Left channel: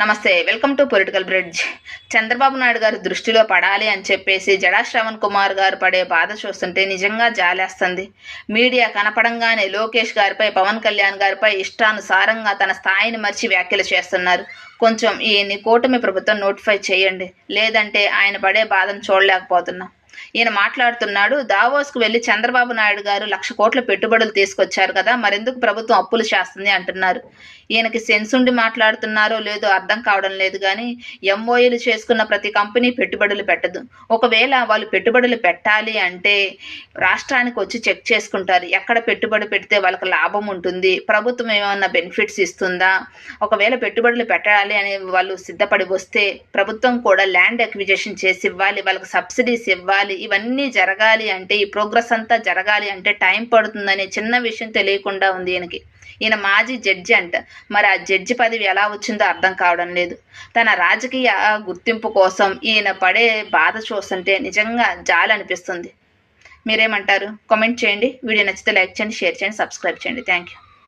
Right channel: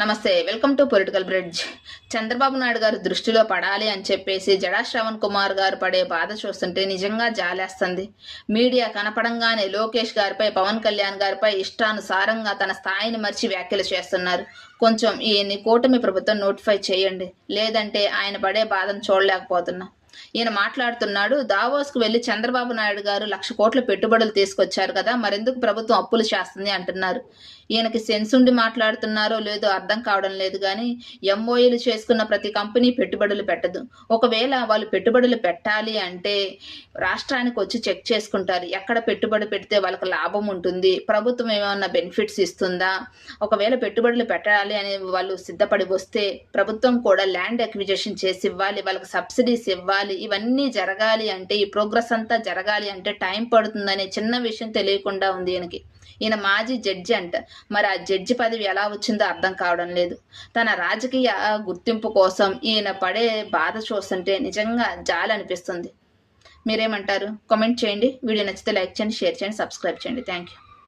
నమస్తే, welcome to political bridge. Chandrababu Naidu గారు దృష్టిలో పడాలి అని చెప్పేసి జడా శ్రవణ్ కుమార్ గారు పడే బాధ చూస్తుంటే నిజంగా జాలేస్తుంది. మీడియా కనపడంగానే లోకేష్ గారిపై, పవన్ కళ్యాణ్ గారిపై ఇష్టానుసారంగా తన స్థాయిని మర్చి వ్యాఖ్యలు చేస్తున్నారు. కొంచెం ఈయన్ని కూటమి ప్రభుత్వం నోటిఫై చేయండి, లేదంటే ఆయన పడే బాధను చూడలేకపోతున్నాం. ఈయన మాట్లాడుతున్నాడు, దావోస్కు వెళ్లి చంద్రబాబు నాయుడు గారు 1,00,000 కోట్ల పెట్టుబడులు తీసుకొచ్చారు కదా, మరెందుకు ప్రభుత్వం అప్పులు చేస్తుంది అంటున్నారు. ఈయనకి సెన్స్ ఉండి మాట్లాడుతున్నారో లేదో అర్థం కావడం లేదు. కానీ ఎంఓఏలు చేసుకున్న ప్రతి కంపెనీ పెట్టుబడులు పెట్టదు. ఒకవేళ వాళ్ళు పెట్టుబడులు పెట్టాలి అంటే రాష్ట్రానికి వచ్చి చెక్ చేసుకుంటారు, ఎక్కడ పెట్టుబడి పెడితే వాళ్ళకి లాభం ఉంటుంది, ప్రభుత్వం ఏమైనా బెనిఫిట్స్ ఇస్తుందా. ఒకవేళ పెట్టుబడులు పెట్టాలి అని వాళ్ళు సిద్ధపడి వస్తే ప్రభుత్వం కూడా ల్యాండ్ అక్విజిషన్ చేసి ఇవ్వాలి, వాళ్ళకి సబ్సిడీస్ ఇవ్వాలి. ఇవన్నీ జరగాలి అంటే, ఈ ప్రోగ్రెస్ అంతా జరగాలి అంటే టైం పడుతుందనే చిన్న విషయం తెలియకుండా ఉంది ఈయనకి. ఈయన మాజీ జడ్జి అంట. మరి ఆ జడ్జి పదవి ఎలా వచ్చిందో అర్థం కావడం లేదు. తన రాజకీయ గుర్తింపు కోసం ఈయన పడే బాధ చూస్తుంటే నిజంగా జాలి అనిపిస్తుంది. మీరేమంటారు? కామెంట్ చేయండి. వీడియో నచ్చితే లైక్ చేయండి, షేర్ చేయండి, సబ్స్క్రైబ్ చేయండి. Thank you.